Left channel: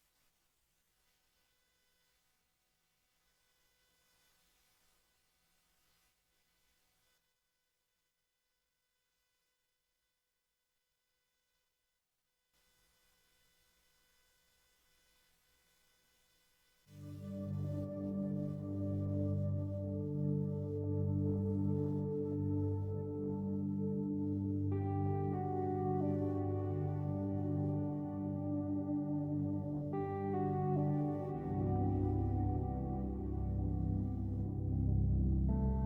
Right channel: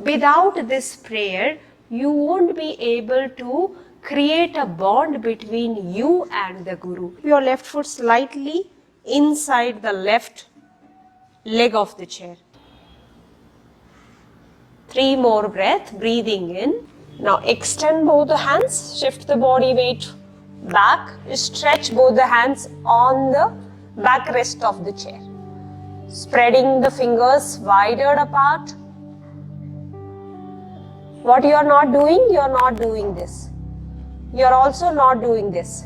Without this prayer, you won't be able to create a bond between you and the Guru. Your left foot slightly inside the left leg of the chair. 3 more breaths, breathing in. Now extend both the hands, shift the body weight back, stretch both the hands on the backrest of the chair. Spreading the fingers wider apart. What you are not doing this. You are also not doing this.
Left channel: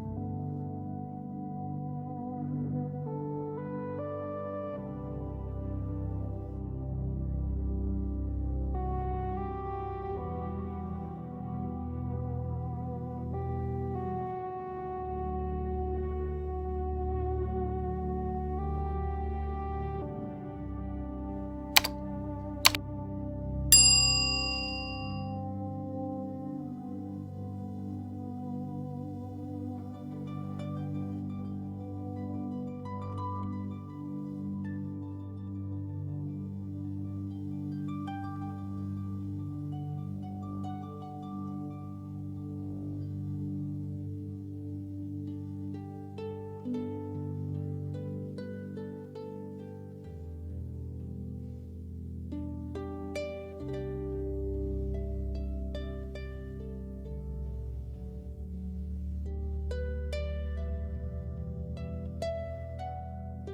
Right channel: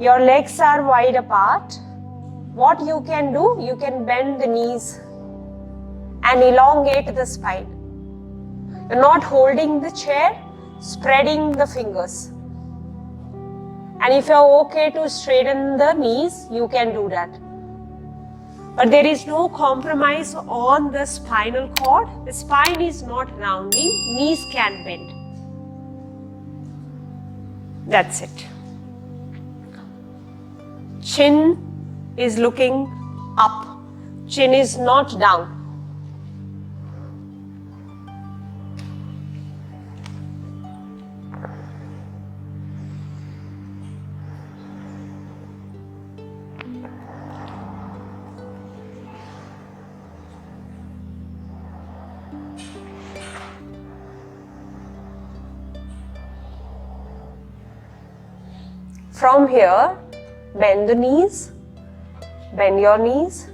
Your legs are wide apart. What you can do, you can bend the knees and elongate the spine. You're not holding the chair, spreading the fingers. And if you're okay to straighten the knees, you can do that. But there is no compromise on the spinal cord. The spine is not rounding, knees can bend. That's it. Chin is looking up. Chin is not down. From here, bend the knees, bend your knees,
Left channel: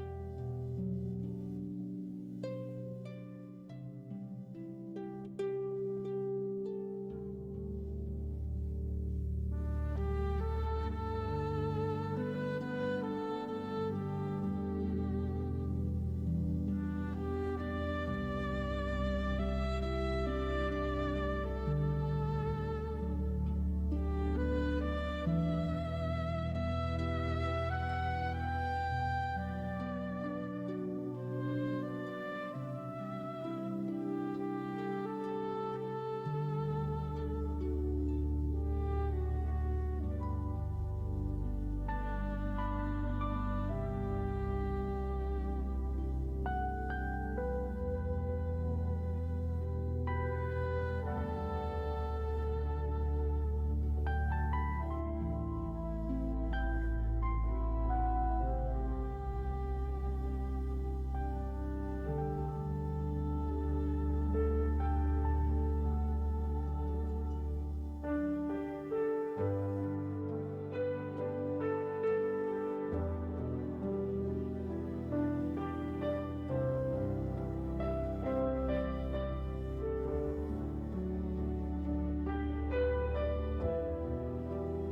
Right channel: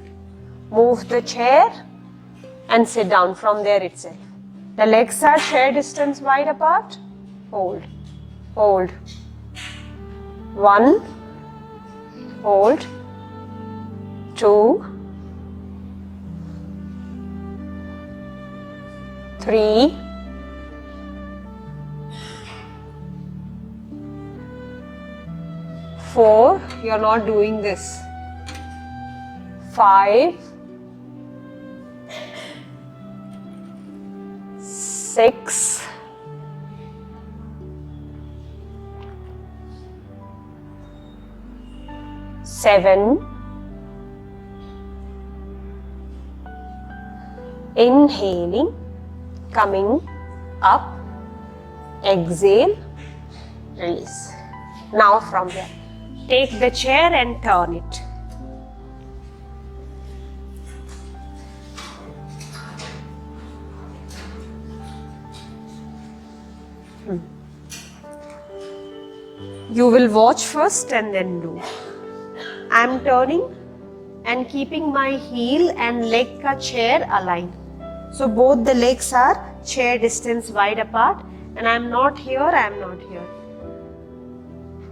move the chair and sit down from there itself. The legs are share distance wide apart. Hold, hold. 1, hold, 2, 3, 4, you're not doing this. 5, 6, 7, inhaling, coming up, exhale, release. Now from there, take the chair and turn it. You will watch first and then do. I am turning and keeping my heel and leg ka chair aligned. So both the legs are chair distance wide apart and I am not here, I am not here.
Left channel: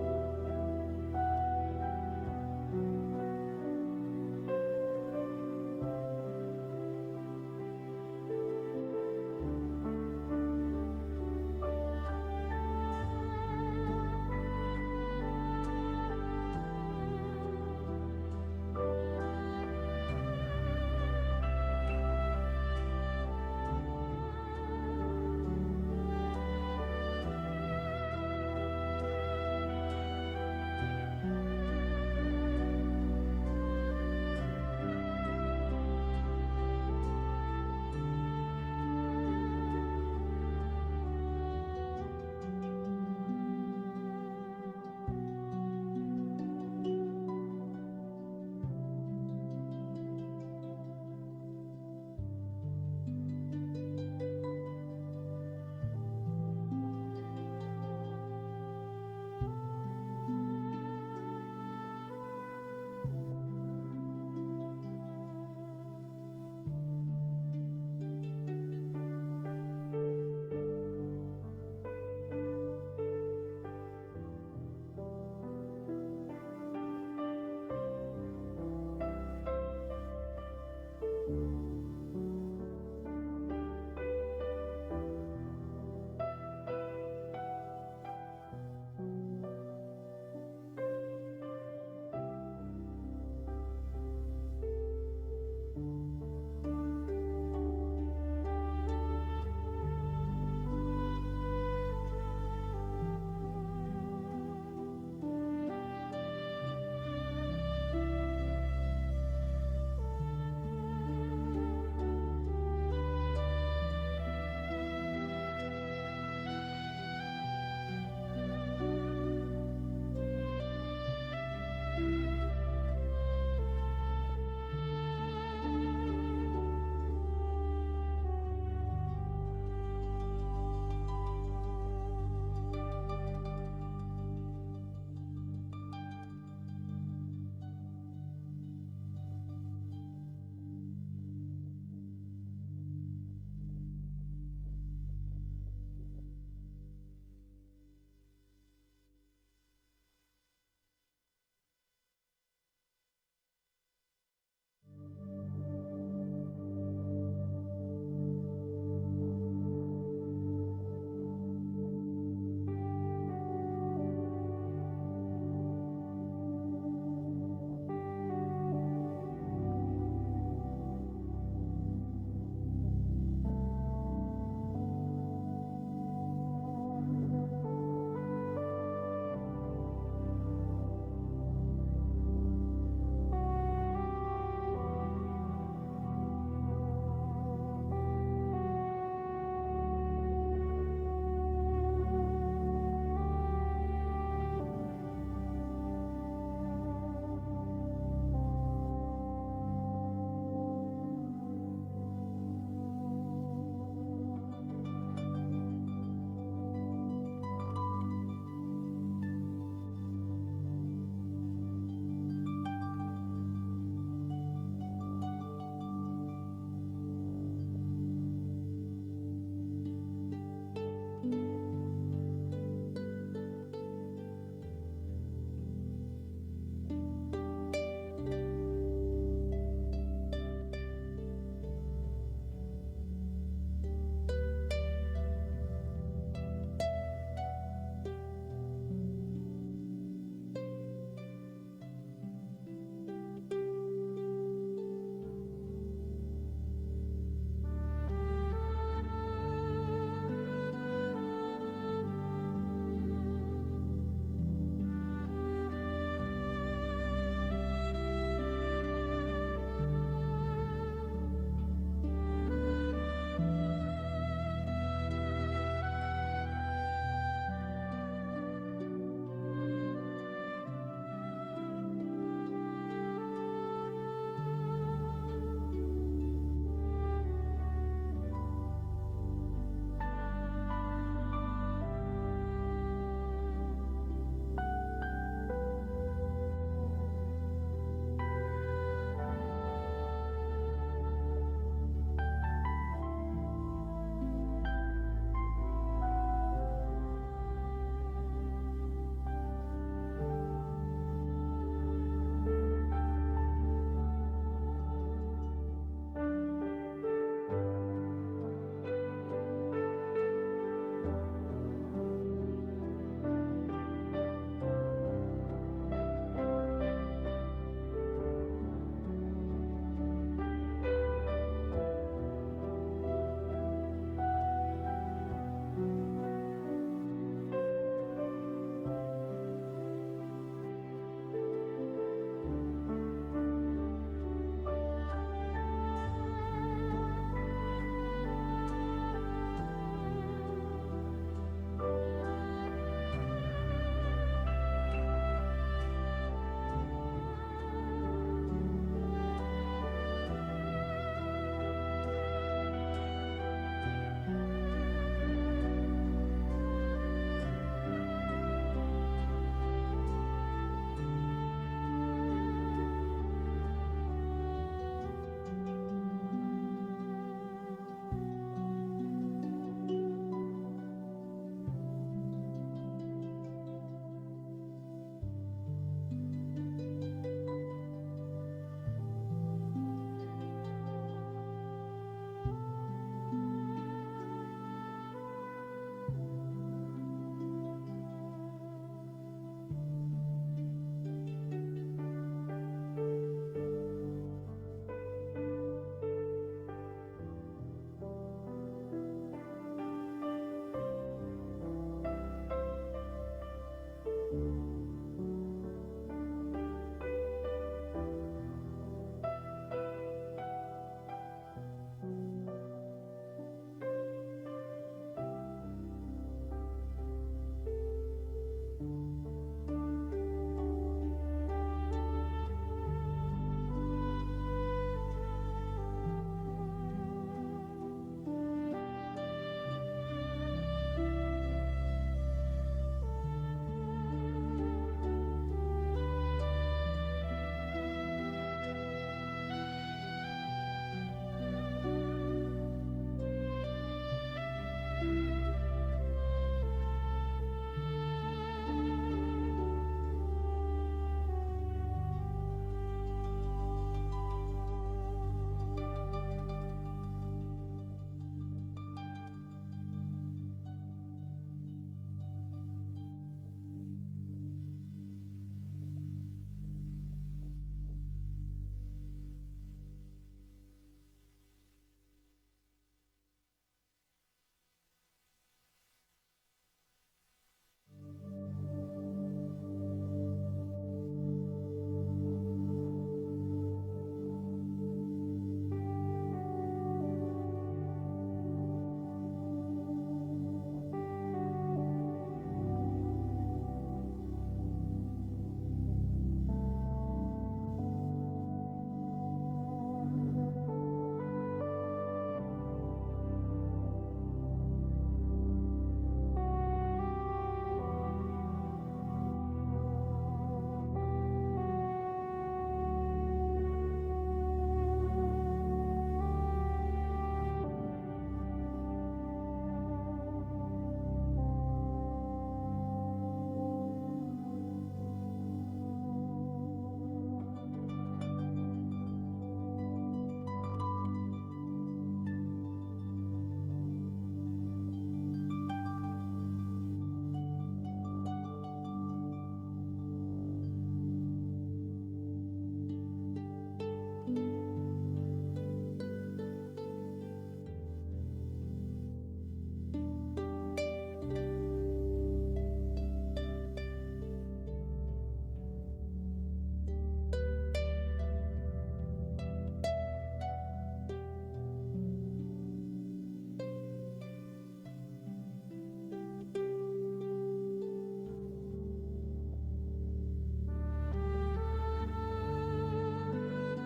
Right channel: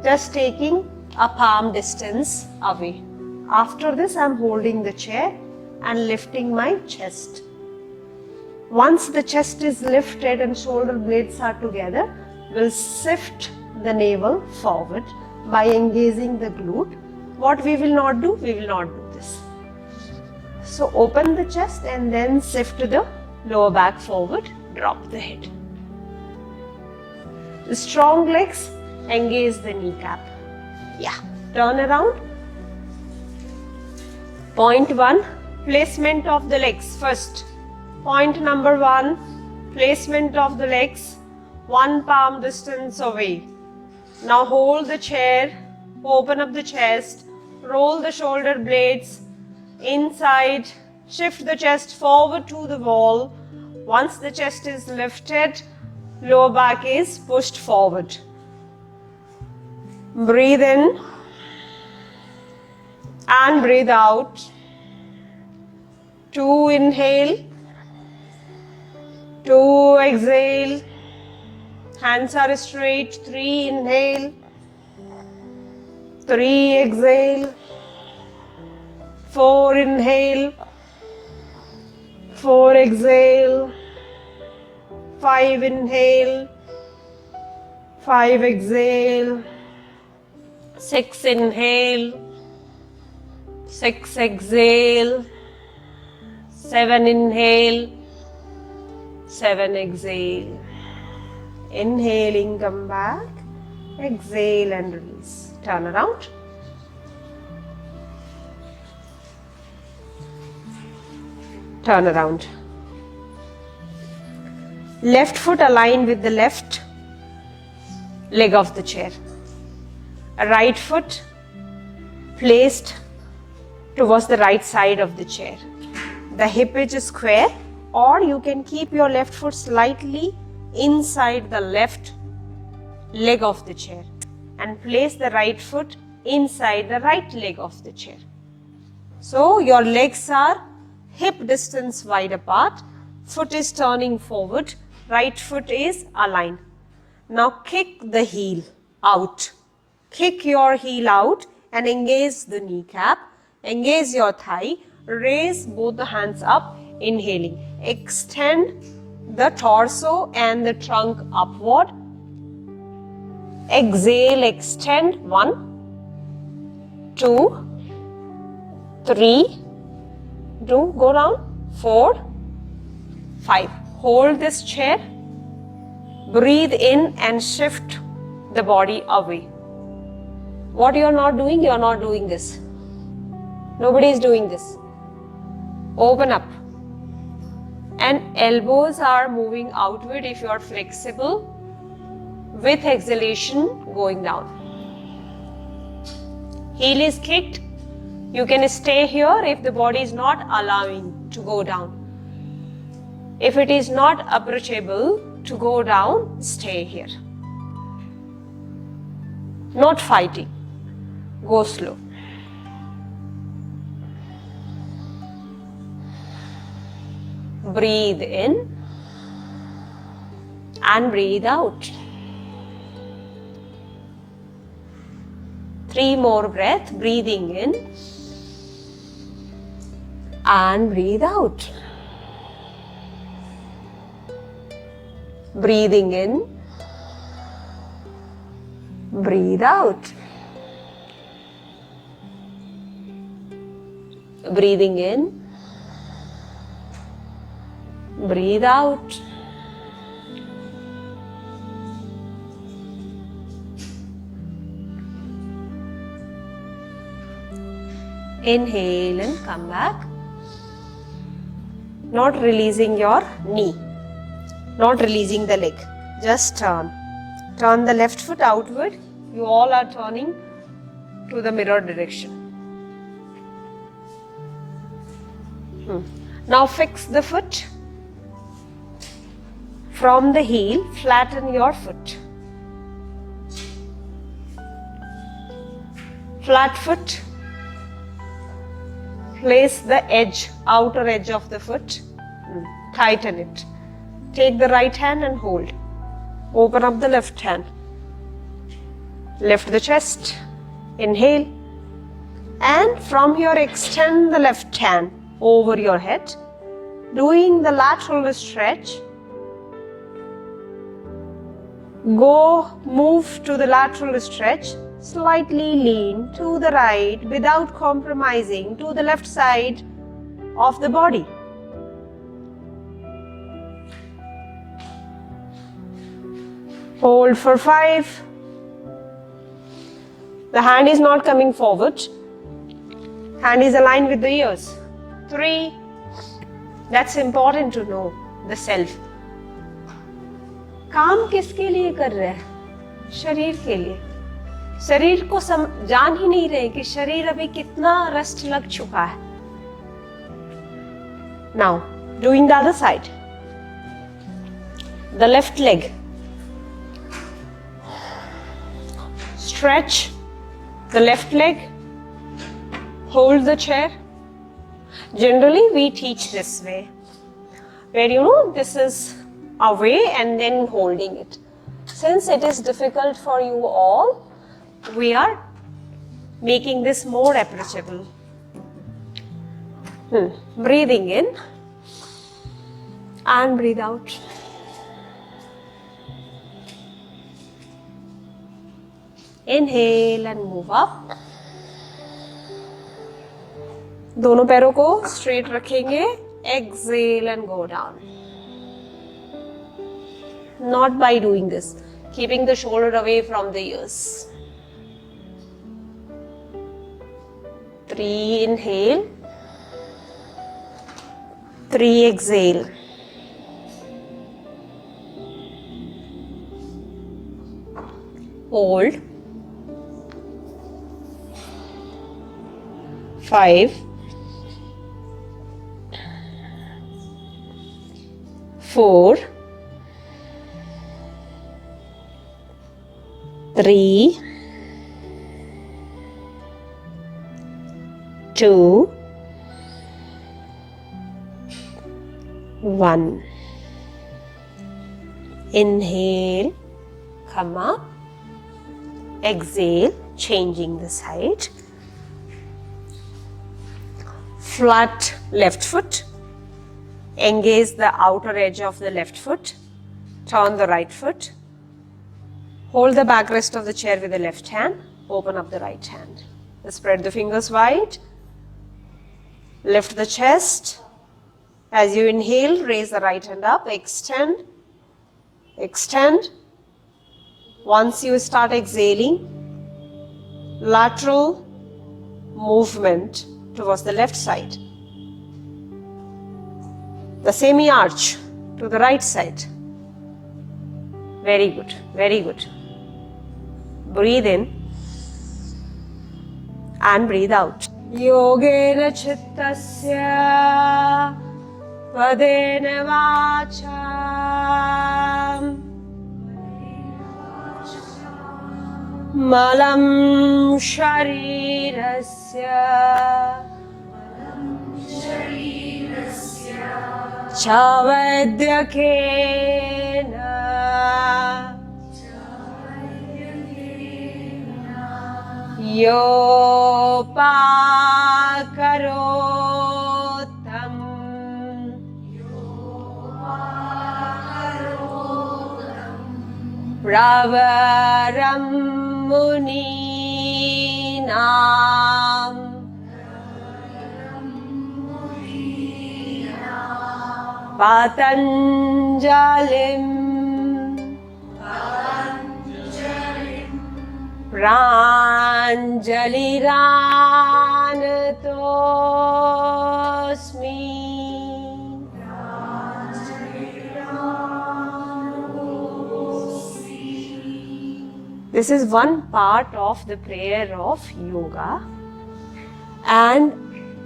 Just taking a palm distance away. After this, I am holding the chair and lifting my chest. Once the chest is lifted and shoulder blades are together, we'll shift the navel forward by engaging the glute. What we will not do, we will not do this. So open the chest and then shift the lower back forward, drop the head. The strong legs, engage the kneecap. Yeah, turn around. Point 1, placement of the legs first. Point number 1, placement of the legs, 1 palm distance away. Now hold the chair, open up the chest, roll the shoulder blades inside, shift the chest forward to the wall. Once the chest is lifted, lower back is pushed forward. Breathe in and breathe out. 2 inhale, 2 exhale. Hands are straight. 3 inhale, 3 exhale. 4 inhale, 4 exhale. 5 inhale, 5 exhale. 6 inhale, 6 exhale. 7 inhale, 7 exhale. Inhaling, come back. Exhale and release. Turn around. Turn around. Left foot aligned with the left leg of the chair. Right foot placed towards the right side of the chair. The hip edge is square, or you can keep your left foot slightly inside the left leg of the chair and place the right foot inside the right leg of the chair. So your legs are hip distance wide apart, foot is turning forward, right foot is aligned. Now kick the heel out. Kick your heel out and engage the kneecap, engage your thigh, raise both the hands up, inhaling. Extend the torso and the trunk upward. Exhale, extend. 1, 2, 3, go down. 4, 5. Hold this chair. Breathe in and shift the body away. What you are not doing? You are not doing this. Nobody is doing this. Open up. And elbows are moving outward if you are flexible, with exhalation going down. Heel is kicked. You can stay here if the body is not allowing to go down. If it is not approachable to go down, stay here. Not fighting. Go slow. Breathe in and breathe out. 3 more breaths, breathing in and breathe out. Breathing in, breathe out. Breathing in, breathe out. Inhale and come back. Not releasing your knee, not releasing the leg. Just turn. Turn the left foot outward. You all are turning to the mirror direction. Now fix the foot. From the heel, flatten your foot. Flat foot. Place the edge, outer edge of the foot. Tighten it. Take the right hand and hold. Open up the left hand. Lift the chest. Inhale. And from here, extend the left hand over your head. Doing the lateral stretch. Move to the lateral stretch. Slightly lean to the right without compromising to the left side of the body. Hold for 5. The hand is not coming forward. Hand is aligned with the ears. 3. That's important to know, the self. काम किसके लिए कर रहे हैं? शरीर के लिए. शरीर को जान ही नहीं रहे कि शरीर अभी कितना रेस्ट लग चुका है. Now, doing the other side. The left leg. Stretch the left leg. Hold the chair. Generally, we teach this way, where this is away and then holding it. Since it is difficult for you all, we are making this more approachable. Breathing in and breathe out. Inhale and move up. दोनों पैरों को straight रखेंगे. Exhale and go down. Not by doing this, keeping the shoulder away from the ears. 3 inhale. 3 exhale. hold, 5, 4, 3, 2, 1. Inhale, come up. Exhale, changing the side. Flat left foot. Engage the outer edge of the left foot. Turn the right foot. Hold the backrest of the chair with the left hand. Open up the right hand. Spread the fingers wide. Lift the chest. As you inhale, raise the right hand up. Extend. Extend. Once you start exhaling, lateral movement towards the left side. The semi-arch to the right side. Very good, very good. Breathe in and breathe out. Yogena chittasya padena vacham malam sharirasya chavadyakena yopakarotam pravaram muninam patanjalim pranjaliranatosmi. This is one part of the prayer of yoga, and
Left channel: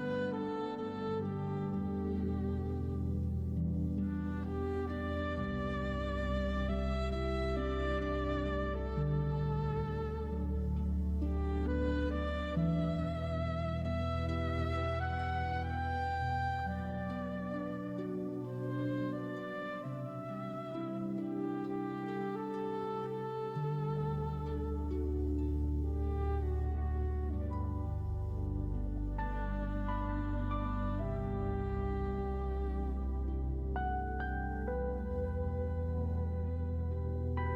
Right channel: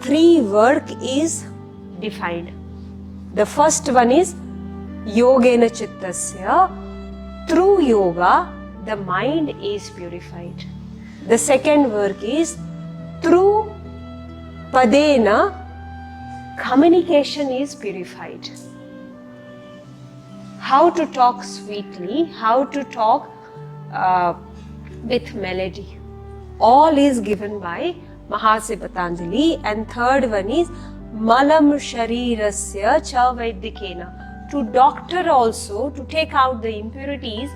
3 work is defined. The first one is yogena chittasya. Through yoga, the mind is purified. The second work is through padena, communication is purified. How to talk sweetly, how to talk with melody. All is given by Mahasi Patanjali. And third one is malam sharirasya cha vaidyakena. To doctor also, to take out the impurities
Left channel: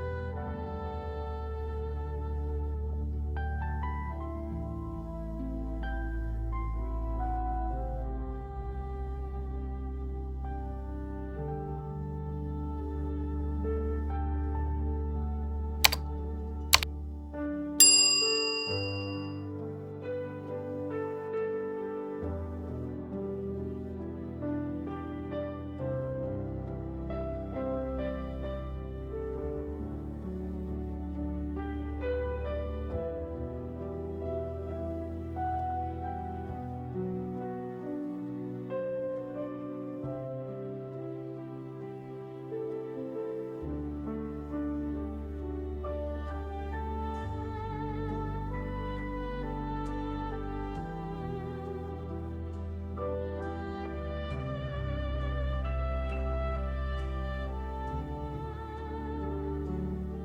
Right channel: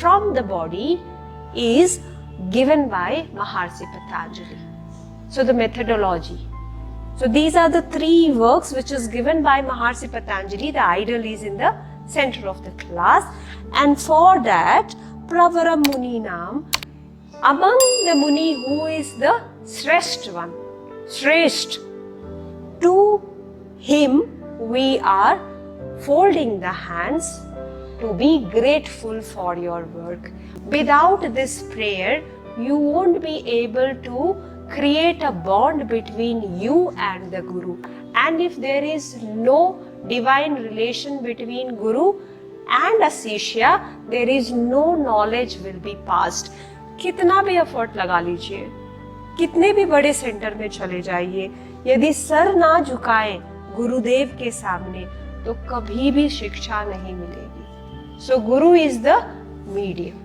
from the body is given by Mahasi Patanjali. So the methodology. So these are the 3 works which is given by Mahasi Patanjali. The idol is in the center of the class, and for that Pravaram Muninam, among the Muni, who is the Shrestha one, Shrestha, to him we are folding the hands to be grateful for your work. Without this prayer, you won't be able to create a bond between you and the Guru. And if there is no divine relation between Guru and a Shishya, there is no knowledge will be passed. कितना भी effort लगा लीजिए, कितने भी बड़े centre में चले जाइए, यदि सर ना झुकाएं गुरुदेव के सामने तो कभी भी शिक्षा नहीं मिलेगी. So Guru is the medium.